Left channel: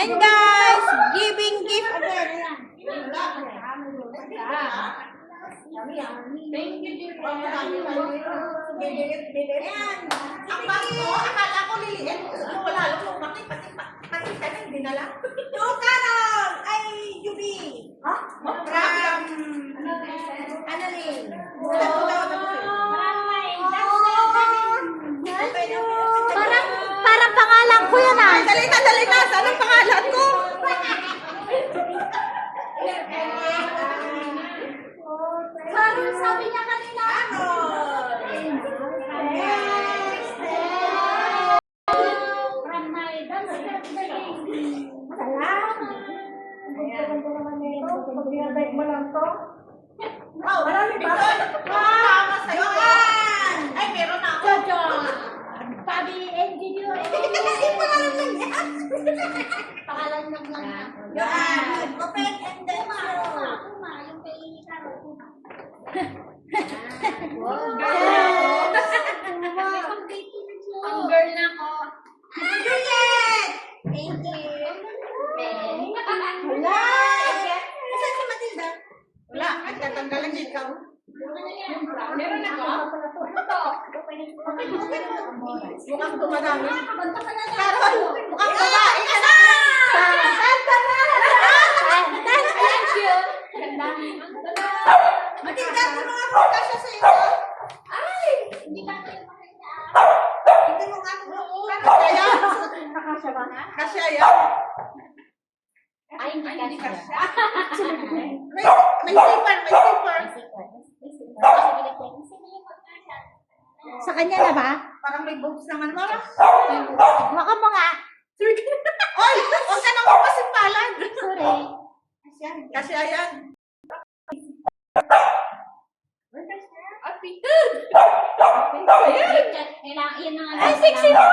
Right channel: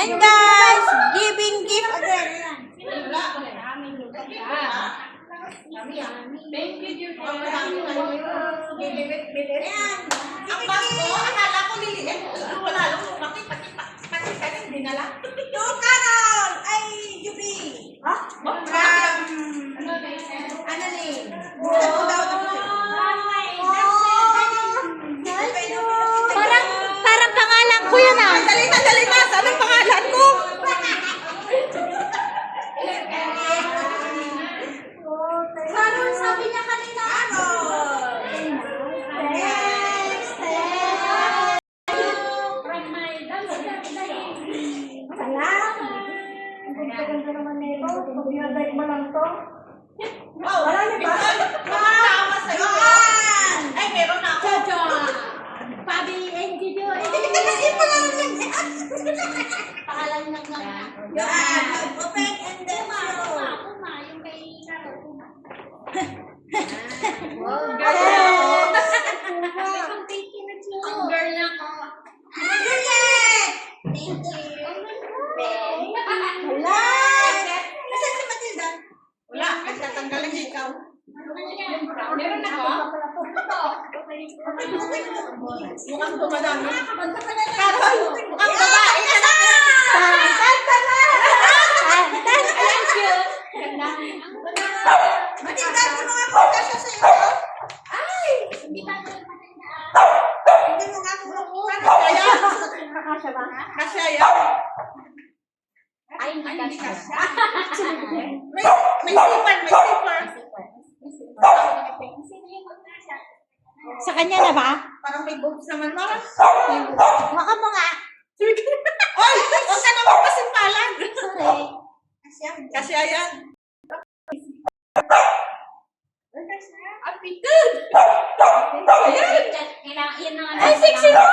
And guys, giving gift again. Thank you, Julia. Ang bago, akala ko liliit. Wala lang lumaki, pati ka nang dinala. To Carol! Ay, Juby! Ha? Ano ni? Parang pangalan ko yan ah. Dali na. Saan ang pangalan ko? Carol, sabi niya kanina. From my Wow, Nicole, tama sa'yo. Ay, meron na ako. Pabi and Gidio. Pangalan lang lang. Yan. Open and then Puma, yung kay Carol, Puma. Ang thank you na siya. Ang girl na ako. Thank you. Wala. Nasaan si Matilda? Wala, nagtatanggalan niya ikaw. Meron ako? Mukhang dumadami. Kabanta ka na lang. Carol, mukhang babae ka na. Ayan, cute. Ganda. Matilda, di mo nga po kasya sa'yo. Hindi ba kayo maganda? Hindi mo nga po. Kaya, Kakasya ba? kasi yan. Ay, hindi ka siya. May zipper. Sa kanya na ba? Parang may boobs naman, Mara. Baka mo nga. Oy, huwag ka naman pasimpalan. Sorry. Kasi ayan. Apitid! Kailangan, yan na nga. Ay, sexy mo!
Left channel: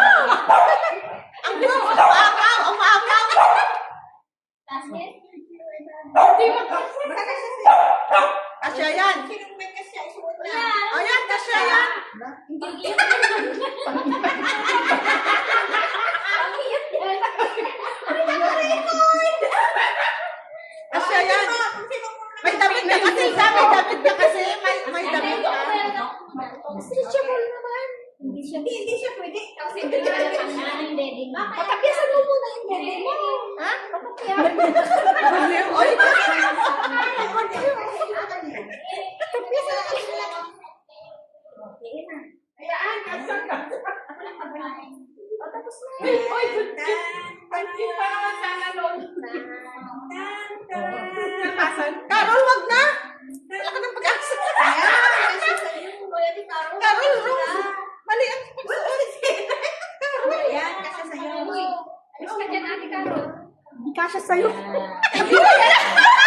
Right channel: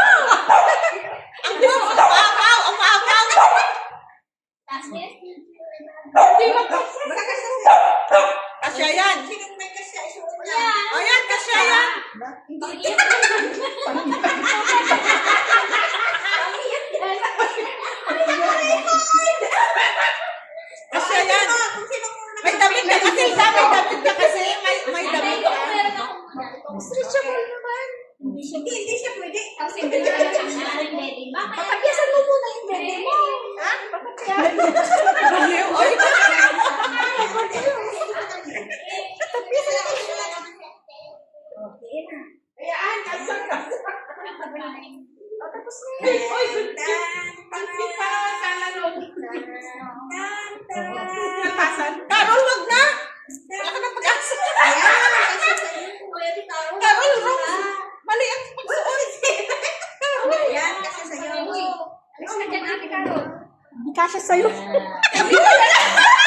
Ang boobs, ang maapaw. Last year? Kasi ayan. Sinong may kasya? Isuot na. Ayan. Ayan, kasi ayan. Kasi ayan. May damit ka kasi, may damit ka. Stretchable naman. Hindi siya pwede. Ang single na lang ang bedding. Patagyasan mo muna yung bebe mo. Ha? Baliw, oy. Ayan, kasan ka. Tapos na. Oy, good job. Pagkip pa sana long. Carol, wag na. Wala ka ng pag-asa. Carol, Rose. Mali ang pagsuot. Yan, kasya sa'yo. Alis na dyan, Ate Carol. Hindi kasya sa'yo. Hindi mo yan.